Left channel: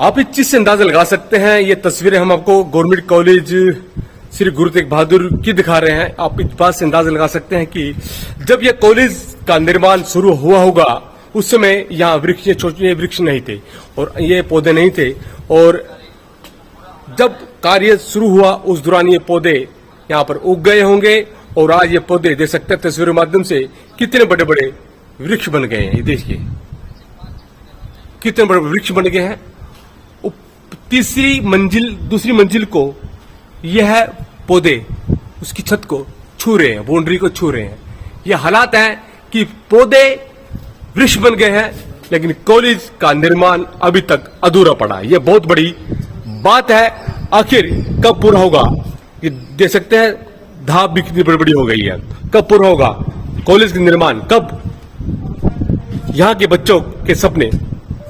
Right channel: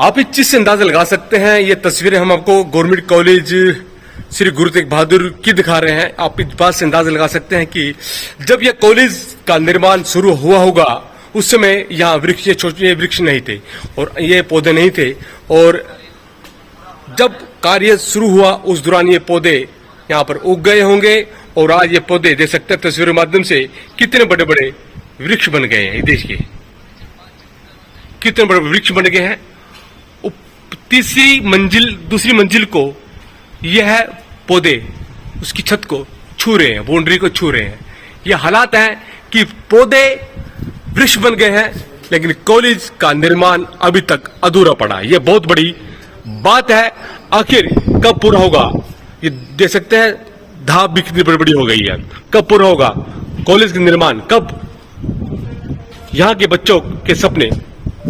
आप इस चीज से अंदाजा लगा सकते हैं, ये तस्वीरें हम आपको गवर्नमेंट कॉलेज श्री गुरु तेग बहादुर की दिखा रहे हैं। आप इस बात से अंदाजा लगा सकते हैं कि जब यह कॉलेज का निर्माण शुरू हुआ होगा उस समय यहाँ वृक्ष, ये छोटे वृक्ष नहीं थे और ये पौधे नहीं थे, और जब कार्य शुरू हुआ उस दौरान ये पौधे यहाँ पर उग गए होंगे और आज ये पौधे देख सकते हैं तस्वीरों के माध्यम से कितने बड़े बड़े वृक्ष बन गए हैं। देश के कितने बड़े वृक्ष बन गए हैं। दूसरी मंजिल को यह पौधे उसकी छत को छू रहे हैं, बाउंड्री को छू रहे हैं। यह हालात है कि पौधे वृक्ष बन गए हैं लेकिन कॉलेज का निर्माण अभी तक अधूरा पड़ा है। यह बहुत बड़ी बात है। आखिर कब पूरा होगा, ये देख सकते हैं धाप भी कितनी बड़ी हो गई है। कब पूरा होगा कॉलेज का निर्माण, कब यहाँ के बच्चों के सपने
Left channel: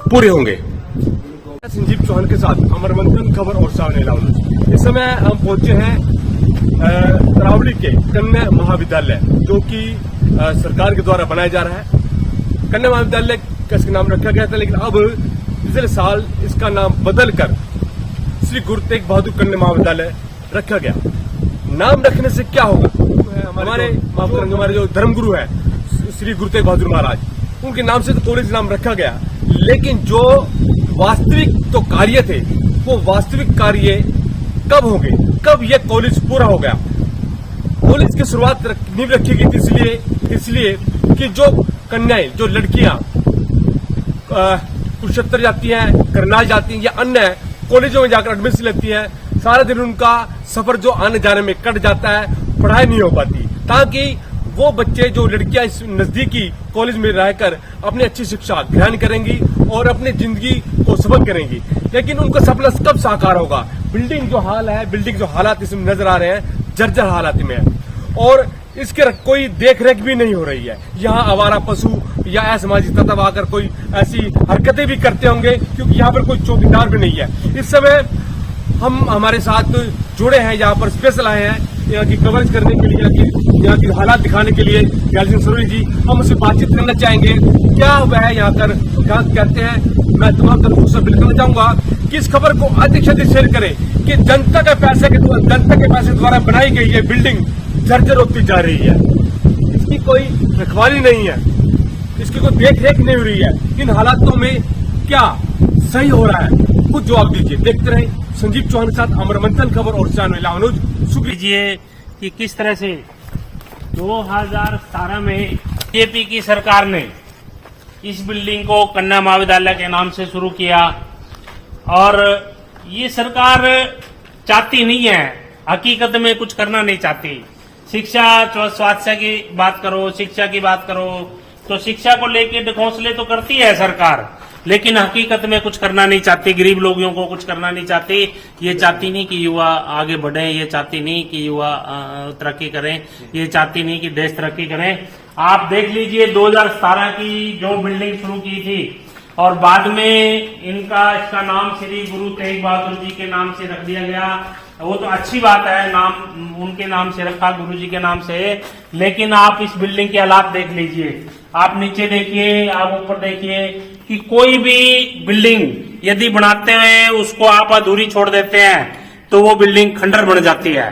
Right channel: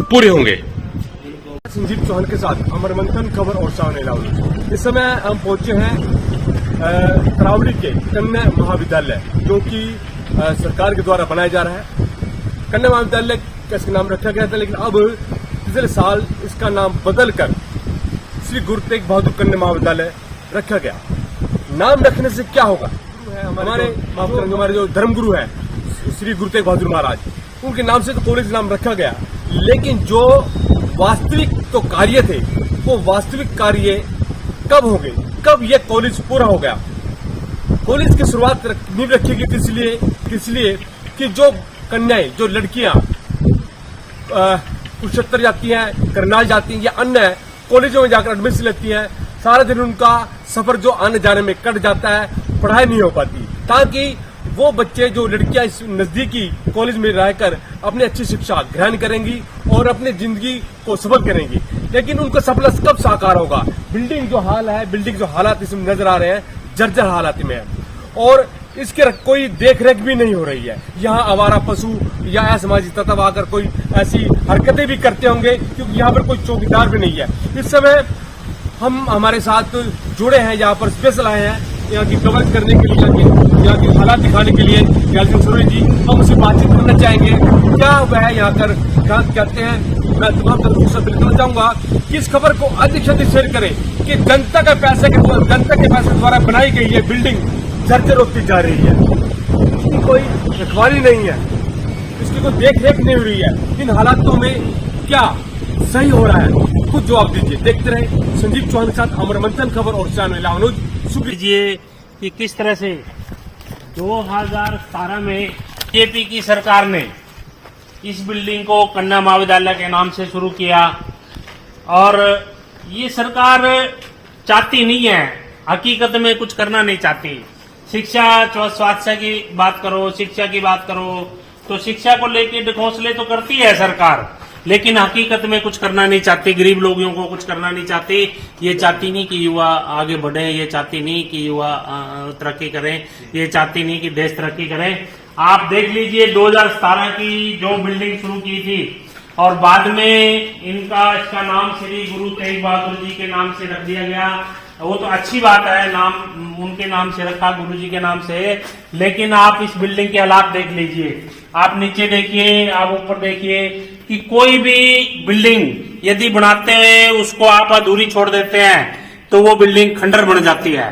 पूरे होंगे। संजीव चौहान के साथ अमर मंथन, खबर और सामने लावली। इस समय हम पहुंचे हैं तरावली के कन्या महाविद्यालय, जो कि सरकार के द्वारा बनाया जा रहा है। कन्या महाविद्यालय का इसका नाम रखा गया था, लेकिन अब पिछले साल इसका नाम बदलकर श्री गुरु तेग बहादुर कन्या महाविद्यालय रखा गया। नाम रखने से क्या होगा, हमारे जो धर्मगुरु है श्री गुरु तेग बहादुर महाराज, उनके नाम से तो कॉलेज नाम रखा गया, लेकिन जो वास्तविक तो कार्य थे वो वास्तविक कार्य कब हो गए, कब यह कॉलेज पूरा हो गया। कॉलेज की शुरुआत नींव रखी गई थी इसलिए कि जो कन्याएं, जो लड़कियां कुरुक्षेत्र जाती हैं, करनाल जाती हैं या अन्य कॉलेजों में जाकर एडमिशन लेती हैं, सारा दिन उनका सफर जो आने जाने में कट जाता है, पढ़ाई नहीं हो पाती, ताकि वो बच्चे, जो लड़कियां इस नजदीकी कॉलेज में रहकर अपनी अच्छी शिक्षा ग्रहण करेंगी और अपनी जिंदगी को सफल करेंगी। लेकिन उनका सपना कब साकार होगा। बिल्डिंग जो हाल है, बिल्डिंग जो हालात इसमें नजर आ रहे हैं, जर्जर हालात में है और इसके कोई देख रेख भी नहीं हो रही है। यहाँ आवारा पशु या असामाजिक तत्व आकर कोई ऐसी हरकतें भी करते होंगे, क्योंकि यहाँ पर कोई चौकीदार भी नहीं है। इस समय हम हमारे साथ जुड़े हैं, यहाँ पर स्पेशल आए हैं यहाँ की कवरेज करने के लिए, यहाँ की हालात दिखाने के लिए। सूर्य जी, हम उससे बातचीत करना चाहेंगे, क्या वह यहाँ कर कहते हैं। मैं तुम्हारा बिल्कुल चाहूंगा कि इस खबर को अधिक से अधिक शेयर करें कि जनता के पैसे द्वारा बनाई गई ये बिल्डिंग जर्जर होती जा रही है, इसकी कोई रखवाली नहीं है, इसकी कोई देख रेख नहीं हो रही है। इन हालातों में क्या सही हो रहा है, कुछ जवाब दीजिए। देखते रहे संजीव चौहान के साथ अमर मंथन, खबर और चैनल अनुज। लीजिए कि किस तरह से 2017 में बीजेपी की सरकार ने इस बिल्डिंग को कन्या महाविद्यालय के नाम से शुरू किया, और ये सरकार चाहती नहीं है, हकीकत में कुछ करना नहीं चाहती। शिक्षा, स्वास्थ्य की बात करो, शिक्षा की बात करो, तो शिक्षा को लेकर ढकोसले तो करती है सरकार, लेकिन हकीकत में कुछ करना नहीं चाहती। गरीब लोगों को कुछ करना नहीं चाहती। ये चाहती नहीं कि युवा आगे बढ़े, ये चाहती नहीं कि युवा तरक्की करें, ये चाहती नहीं कि देश तरक्की करें। आप देख लीजिए 2017 की जो बिल्डिंग शुरू की थी और बाद में इसका नाम श्री गुरु तेग बहादुर जी के नाम से रख दिया गया। वो तो अच्छी बात है, नाम उनके नाम से रखा, गुरु जी के नाम से। लेकिन आप इस बिल्डिंग के हालात देख लीजिए, आप नीचे देखिए, आप ऊपर देखिए कि कोई भी बिल्डिंग यदि बनाते हैं उसको आप अधूरी छोड़ देते हैं तो वो बिल्डिंग खंडर बन जाती है।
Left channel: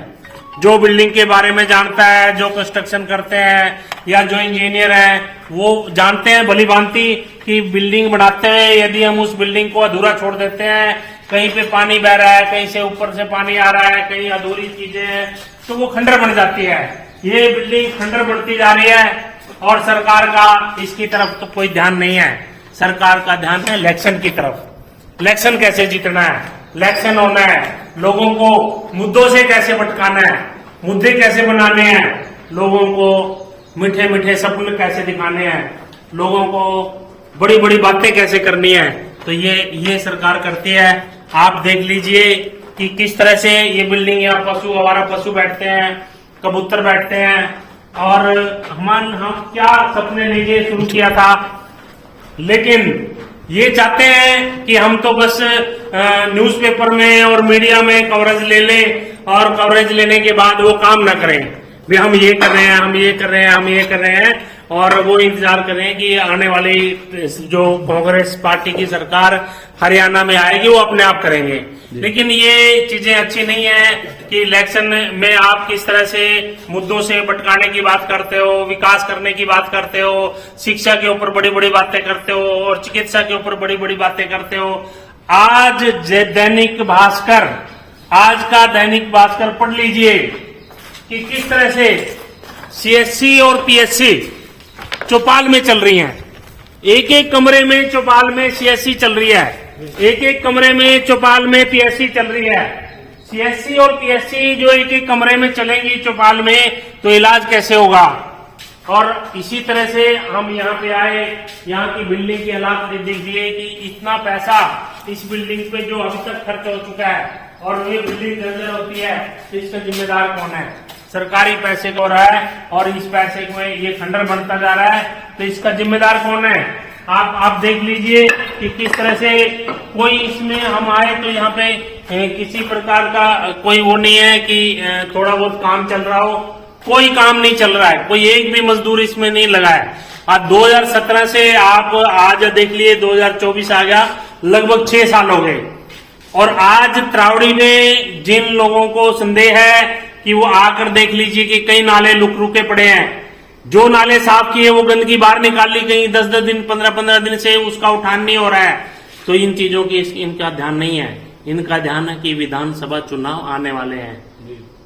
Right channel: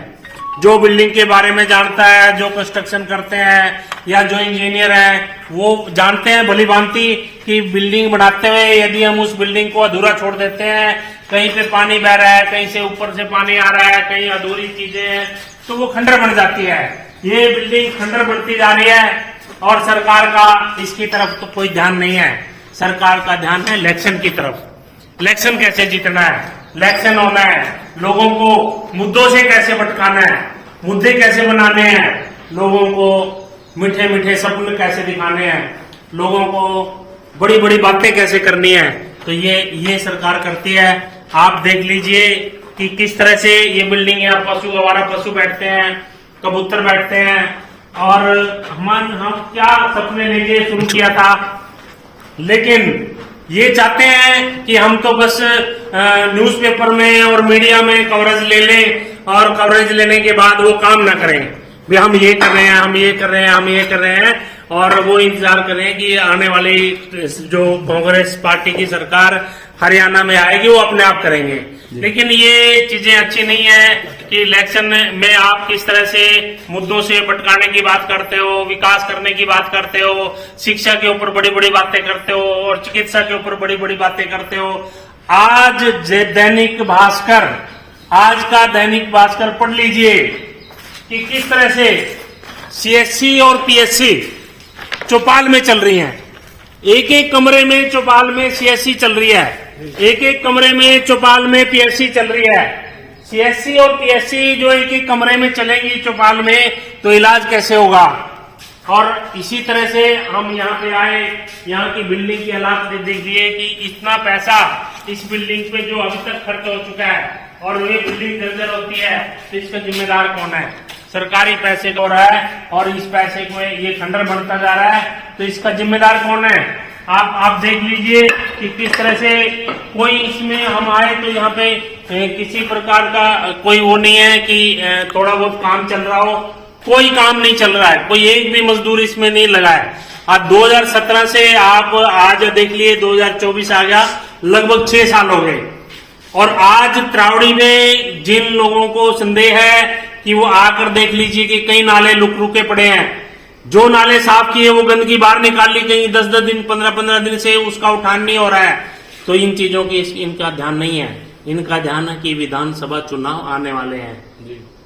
जो बिल्डिंग के बारे में जानता है, जो कंस्ट्रक्शन करते हैं या जो इंजीनियर है, वो जानते हैं भली भांति कि बिल्डिंग बनाते हैं यदि हम उस बिल्डिंग को अधूरा छोड़ देते हैं, कहीं पे पानी बह रहा है, कहीं से ऊपर से पानी आ रहा है, कहीं अधूरी चीजें हैं, तो वो खंडर बन जाती है। ये बिल्डिंग खंडर बढ़ती जा रही है और सरकार का इसकी तरफ तो कोई ध्यान नहीं है। सरकार का ध्यान है इलेक्शन की तरफ। इलेक्शन कैसे जीतना है, इलेक्शन होना है, लोगों को मुद्दों से कैसे भटकाना है, मुद्दे कैसे बनाने हैं, लोगों को मीठे मीठे सपने कैसे दिखाने हैं, लोगों को बड़ी बड़ी बातें कैसे करनी है, तो ये सरकार करती है। आप देख लीजिए कि किस तरह से ये बिल्डिंग, यहाँ पशु, हमारा पशु बैठते हैं, कबूतर बैठते हैं, और हम क्या सपने लेके शुरू किया था। लेकिन ये चाहते हैं कि हम तो बस न्यूज़पेपर में और मीडिया में कवरेज ले लें और कवरेज लेने के बाद वो काम ना करें। भी हम ये कर रहे हैं, हम ये कर रहे हैं, हम ये कर रहे हैं, और वो इंतजार करें कि आने वाली जो कांग्रेस पार्टी की सरकार हरियाणा में आएगी वो अपने आप करेंगे। लेकिन ये चीजें अच्छी नहीं है कि इलेक्शन में आप किस तरह से मुद्दों से भटकाने की बात करते हो, विकास करने की बात करते हो, शिक्षा के ऊपर बड़ी बड़ी बातें करते हो और चिकित्सा के ऊपर बड़ी बड़ी बातें करते हो। आज दैनिक भास्कर, आज का दैनिक भास्कर पढ़ लीजिए कि किस तरह से सीएससी और पीएससी चौपाल में चल रही हैं। एक एक कमरे में चौपाल में सीएससी चल रही है, एक एक कमरे में चौपाल में पीएससी चल रही है। सीएससी और पीएससी जो एक एक कमरे में चलेंगी चौपाल में, तो इलाज कैसे होगा। और इसी तरह से हम यहाँ पे आए, यहाँ की बिल्डिंग की हालात देखिए कि इतना पैसा इस बिल्डिंग पे जो अभी तक खर्च हो चुका है और ये बिल्डिंग जर्जर होती है तो इसका जिम्मेदार कौन है। सरकारी पैसे को हो रहा है और इस पैसे को ये खंडर बनता जा रहा है, तो इसका जिम्मेदार कौन है। आप देख लीजिए कि किस तरह से कोई इसमें हम आए तो यहाँ पे किसी प्रकार का कोई वो नहीं है कि थोड़ा बहुत काम चल रहा हो, कोई काम नहीं चल रहा है, कोई एक भी मजदूर इसमें नहीं लगा है। आज 2017 से आप आज देख लिए 2024 आ गया, लगभग 6 साल हो गए। और आज त्रावड़ी में जिन लोगों को संदेह है कि वो आकर देख लीजिए कि कई नाले रुके पड़े हैं, जो नाले साफ किए वो गंदगी बाहर निकाल ली, कहीं 10-10 दिन 15-15 दिन से उसका उठान नहीं हो रहा है। तो इन चीजों की इनका ध्यान नहीं है। इनका ध्यान है कि विधानसभा चुनाव आने वाले हैं,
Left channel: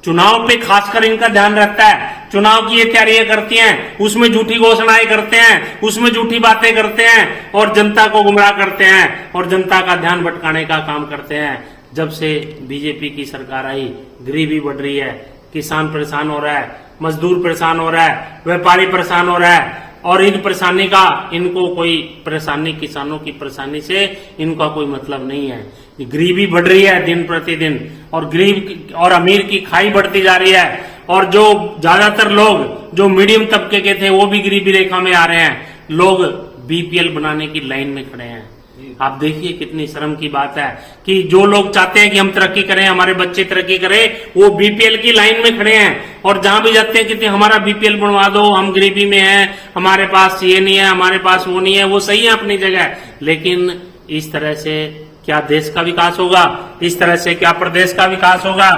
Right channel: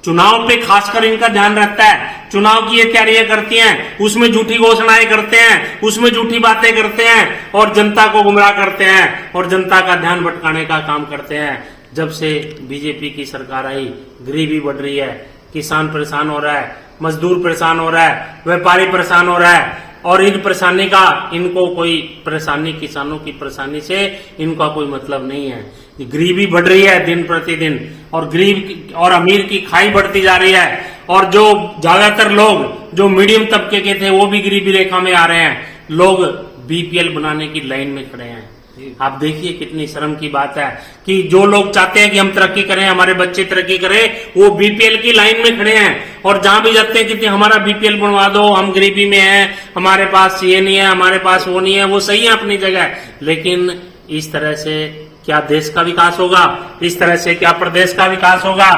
चुनाव पे खासकर इनका ध्यान रहता है। चुनाव की ये तैयारियां करती हैं, उसमें झूठी घोषणाएं करते हैं, उसमें झूठी बातें करते हैं और जनता को गुमराह करते हैं और जनता का ध्यान भटकाने का काम करते हैं। जब से बीजेपी की सरकार आई, गरीबी बढ़ रही है, किसान परेशान हो रहा है, मजदूर परेशान हो रहा है, व्यापारी परेशान हो रहा है। और इन परेशानी का इनको कोई परेशानी, किसानों की परेशानी से इनका कोई मतलब नहीं है। गरीबी बढ़ रही है दिन प्रतिदिन और गरीब और अमीर की खाई बढ़ती जा रही है। और जो ज्यादातर लोग जो मीडियम तबके के थे वो भी गरीबी रेखा में आ रहे हैं। लोग बीपीएल बनाने की लाइन में खड़े हैं। आप देखिए कितनी शर्म की बात है कि जो लोग चाहते हैं कि हम तरक्की करें, हमारे बच्चे तरक्की करें, वो बीपीएल की लाइन में खड़े हैं। और जहां भी जाते हैं कि हमारा बीपीएल बनवा दो, हम गरीबी में हैं, हमारे पास ये नहीं है, हमारे पास वो नहीं है, वो सही है अपनी जगह। लेकिन इस तरह से क्या देश का विकास होगा, इस तरह से क्या प्रदेश का विकास होगा।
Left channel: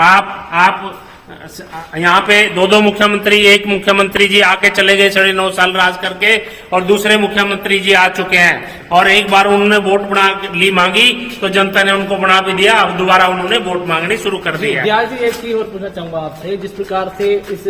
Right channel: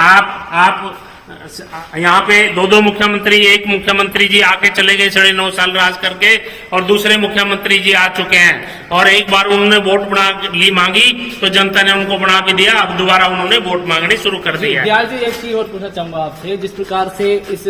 आप यहाँ पे दो मुख्यमंत्री, एक मुख्यमंत्री जी आके चले गए 9.5 साल राज करके और दूसरे मुख्यमंत्री जी आ चुके हैं। और एक बार उन्होंने वोट मांगी तो जनता ने उनको बना के दिया, अब दोबारा उन्होंने वोट मांगनी शुरू कर दी है। एक चीज और पूछना चाहूंगा आपसे, जिस प्रकार से इस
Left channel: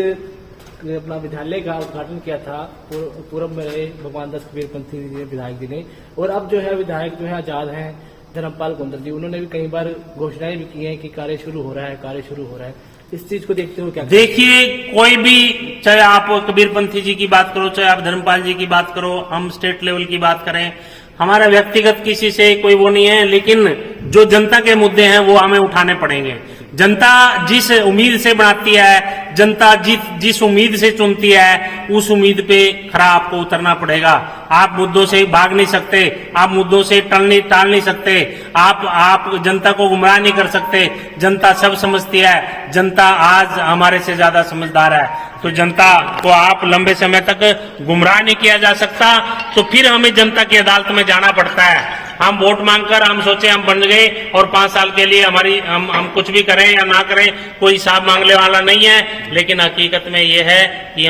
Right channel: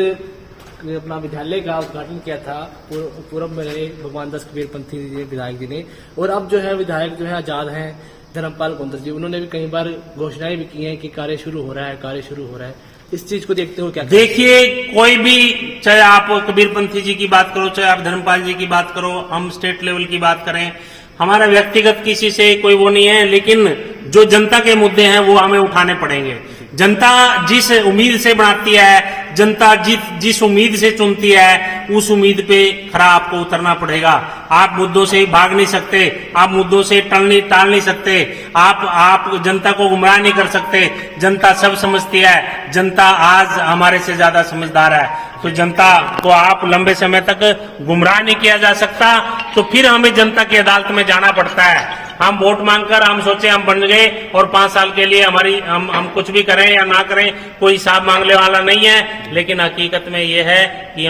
अपना विद्यालय का उद्घाटन किया था पूर्व में रहे भगवान दास कबीरपंथी विधायक जी ने, और अब जो है विधायक जो है आजाद हैं धर्मपाल कुंदर जी, उन्होंने भी कई बार घोषणाएं भी की हैं कि कार्य शुरू हो रहा है, कार्य शुरू हो रहा है। इस चीज को देखते हो क्या? देखिए, कोई भी, चाहे आप कबीरपंथी जी की बात करो, चाहे आप धर्मपाल जी की बात करो, हम स्टेट लेवल की बात करें, हमारा व्यक्तिगत किसी से कोई वो नहीं है। लेकिन जो जनता के मुद्दे हैं वो हमें उठाने पड़ेंगे। जनता जिस उम्मीद से बनाती है, जनता जिस उम्मीद से चुनती है, उस उम्मीद पे खरा आपको उतरना पड़ेगा। आप मुद्दों से भाग नहीं सकते, आप मुद्दों से टाल नहीं सकते, आप जनता को गुमराह नहीं कर सकते। जनता सब समझती है, जनता आज हमारे से ज्यादा समझदार है। तो जनता को आप लंबे समय तक गुमराह नहीं किया जा सकता। तो फिर हमें जनता की अदालत में जाना पड़ता है। हम वोट मांगकर हम सोचे हम बन गए और 5 साल के लिए हम कुछ भी करें या ना करें, कोई हिसाब मांगने वाला नहीं है। लेकिन हकीकत में ये है कि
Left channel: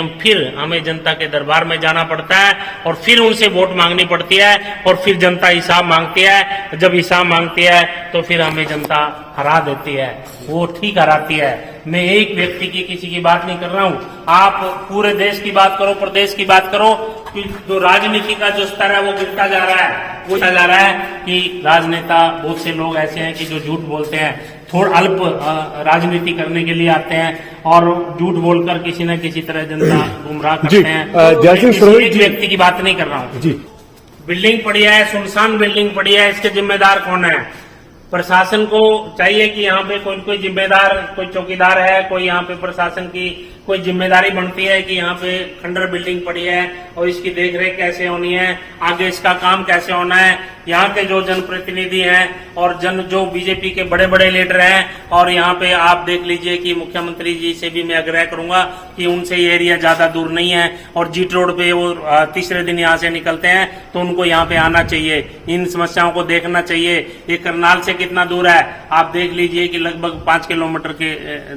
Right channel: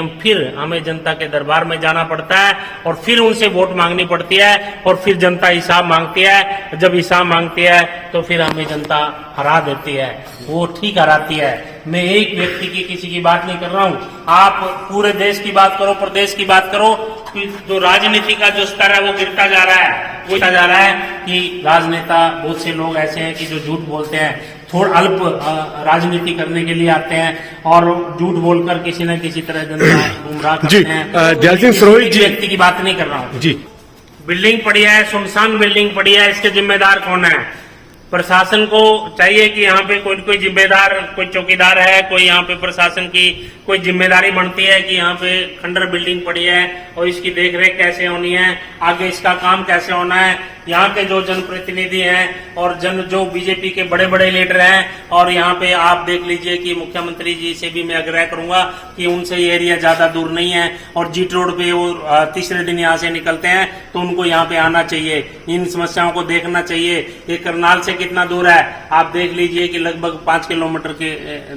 हमें जनता के दरबार में जाना पड़ता है और फिर उनसे वोट मांगनी पड़ती है और फिर जनता हिसाब मांगती है। जब हिसाब मांगती है तो फिर हमें जनता हरा देती है, वो ठीक हराती है। मैं एक व्यक्ति की किसी की बात नहीं कर रहा हूँ। आप पूरे देश की बात करो, प्रदेश की बात करो कि जो राजनीति का जो स्तर है वो गिरता जा रहा है। वो जा रहा है कि राजनेता, बहुत से लोग ऐसे हैं कि जो झूठ बोलते हैं, थोड़ा अल्प राजनीति करने के लिए आते हैं और झूठ बोलकर किसी न किसी तरह जनता गुमराह करते हैं। दयाल सिंह सरोहित जी, व्यक्ति की बात नहीं कर रहा हूँ जी। बिल्डिंग पड़ी है, सुनसान बिल्डिंग पड़ी है, इसके जिम्मेदार कौन है? प्रशासन को चाहिए कि यहाँ पे कोई जिम्मेदार, कोई चौकीदार है, कोई यहाँ पे प्रशासन की कोई जिम्मेदारी बनती है कि यहाँ पे खंडर बिल्डिंग पड़ी है और इसकी देखरेख कैसे होनी है, आगे इसका काम कैसे होना है। यहाँ के जो जनप्रतिनिधि हैं और जो बीजेपी के बड़े बड़े लीडर हैं, और यहाँ पे आप देख लीजिए कि मुख्यमंत्री जी से भी मैं आग्रह करूंगा कि उनसे ये एरिया ज्यादा दूर नहीं है और जीट रोड पे वो तीसरे दिन यहाँ से निकलते हैं तो उनको यहाँ पे आना चाहिए, इन समस्याओं को देखना चाहिए। ये करनाल से कितना दूर है आप देख लीजिए कि लगभग 5 किलोमीटर के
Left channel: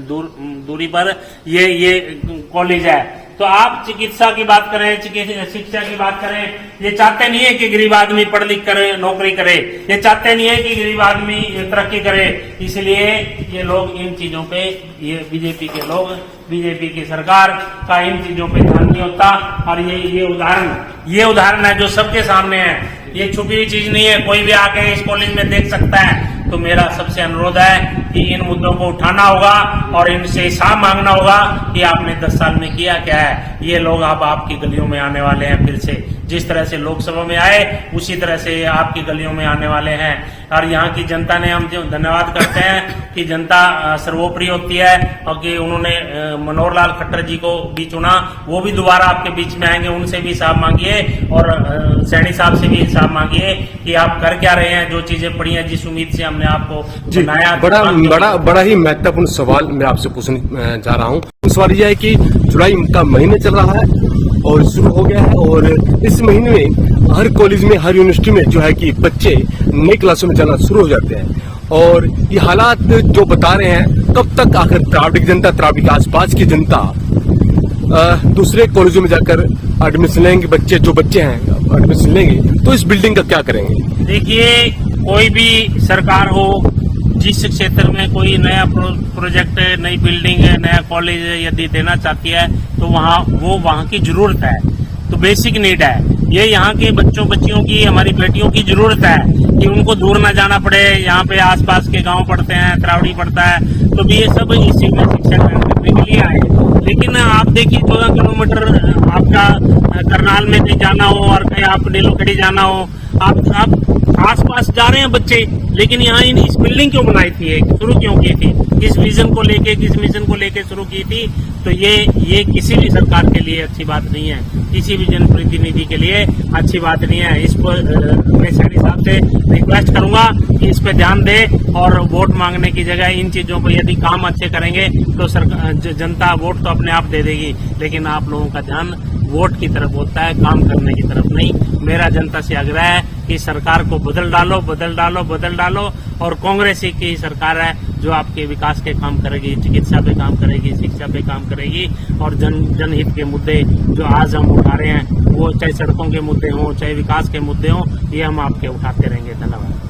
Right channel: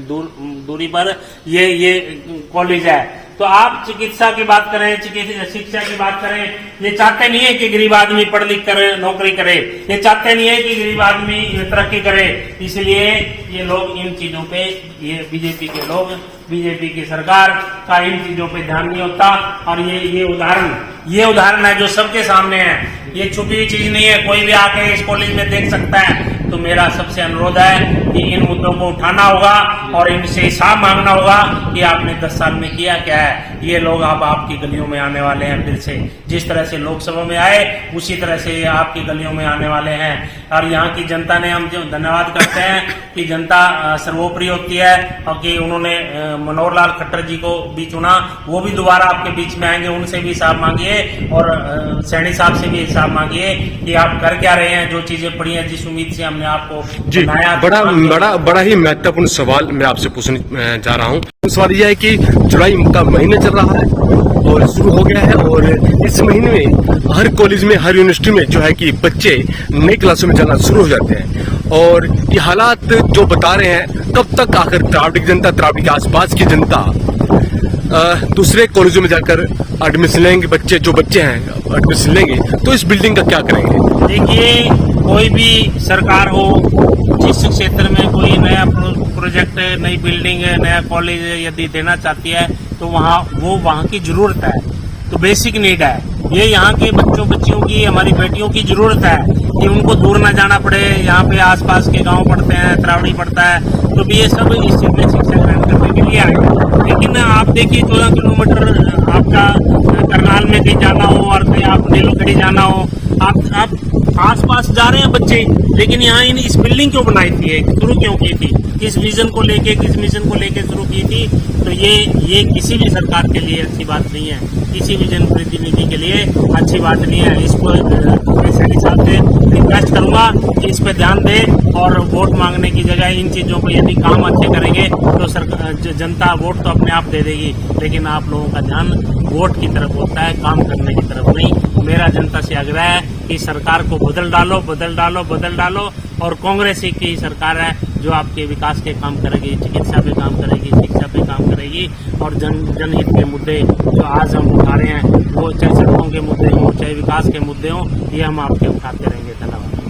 दूरी पर ये कॉलेज है। तो आप चिकित्सा की बात करें, शिक्षा की बात करें, ये चाहते नहीं है कि गरीब आदमी पढ़ लिख करे नौकरी करे, ये चाहते नहीं है कि गरीब आदमी तरक्की करे। इसलिए ये लोग इन चीजों पे, ये बीजेपी के लोग, बीजेपी की सरकार का इन चीजों पे ध्यान नहीं होता। और ये उदाहरण है जो सबके सामने है, ये छुपी हुई चीज नहीं है, कोई भी आके इस कॉलेज में देख सकता है। तो मेरा सबसे अनुरोध है कि इन मुद्दों को उठाना होगा और इनसे हिसाब मांगना होगा कि आपने 10 साल में किया क्या है। ये लोग अब आपकी गलियों में आने वाले हैं फिर से, जिस तरह से लोकसभा में आए उसी तरह से ये आपकी गलियों में आने वाले हैं। और यहाँ की जनता ने, हम जो धन्यवाद करते हैं कि जनता सर्वोपरि होती है और कि उन्होंने मनोहर लाल खट्टर जी को भी चुना, वो भी दोबारा आपके बीच में आएंगे, उनसे भी हिसाब मांगिए और सैनी साहब से भी हिसाब मांगिए कि आप कर क्या रहे हैं, जो चीजें पड़ी हैं, जिस उम्मीद से हमने आपको बनाया। बड़ा ही महत्वपूर्ण सवाल मैं आपसे पूछने जा रहा हूँ। सवाल यह है कि जुलाई का महीना चल रहा है और शुरू हो गया है, और इस महीने में हर कॉलेज में, हर यूनिवर्सिटी में जो है कि बच्चे नई क्लासों में जाना शुरू हो जाते हैं। और ये हालात जो बता रहे हैं, कब तक आखिर त्रावड़ी की जनता, त्रावड़ी के आसपास की जनता दूसरे कॉलेजों में जाकर एडमिशन लेंगे, जो बच्चे हैं एडमिशन लेंगे, तो इस बिल्डिंग का क्या करेंगे? देखिए, कोई भी सरकार हो, जिस क्षेत्र में कोई नया प्रोजेक्ट, नई बिल्डिंग, नया कॉलेज यदि देना चाहती है तो वहाँ की जरूरत है, तो बेसिक नीड है। ये यहाँ के बच्चियों की, हमारी बेटियों की जरूरत है कि उनको दूर ना जाना पड़े। यहाँ पे आसपास के गांव पड़ते हैं, त्रावड़ी पड़ता है, तो भी ये सब इस चीज में शिक्षा ग्रहण करने के लिए आए। लेकिन आप देखिए 14 किलोमीटर आपका करनाल में कहीं जाना हो और कहीं आप नीलोखड़ी जाना हो, आप आसपास जा रहे हैं बच्चे, लेकिन यहाँ इस बिल्डिंग क्यों बनाई थी, शुरू क्यों की थी, किस विजन को लेके, किस मिशन को लेके शुरू की थी? तो ये किसी भी सरकार के लिए अच्छी बात नहीं है, किसी भी जनप्रतिनिधि के लिए अच्छी बात नहीं है। इसको मैं सैनी साहब से रिक्वेस्ट करूंगा कि इस पे ध्यान दे और वोट मांगने की जगह इन चीजों को यदि काम अच्छे करेंगे तो जनता वोट तो अपने आप दे देगी, लेकिन आप लोगों का ध्यान वोट की तरफ होता है, काम करने की तरफ नहीं। मेरा जनता से आग्रह है कि सरकार को बदल डालो और कांग्रेस की सरकार है जो आपके विकास के काम करेगी, चिकित्सा पे काम करेगी, शिक्षा पे काम करेगी और जनहित के मुद्दे जो आज हम उठा रहे हैं, वो चाहे सड़कों के मुद्दे हों, चाहे विकास के मुद्दे हों, ये हम आपके उठाते रहेंगे। धन्यवाद।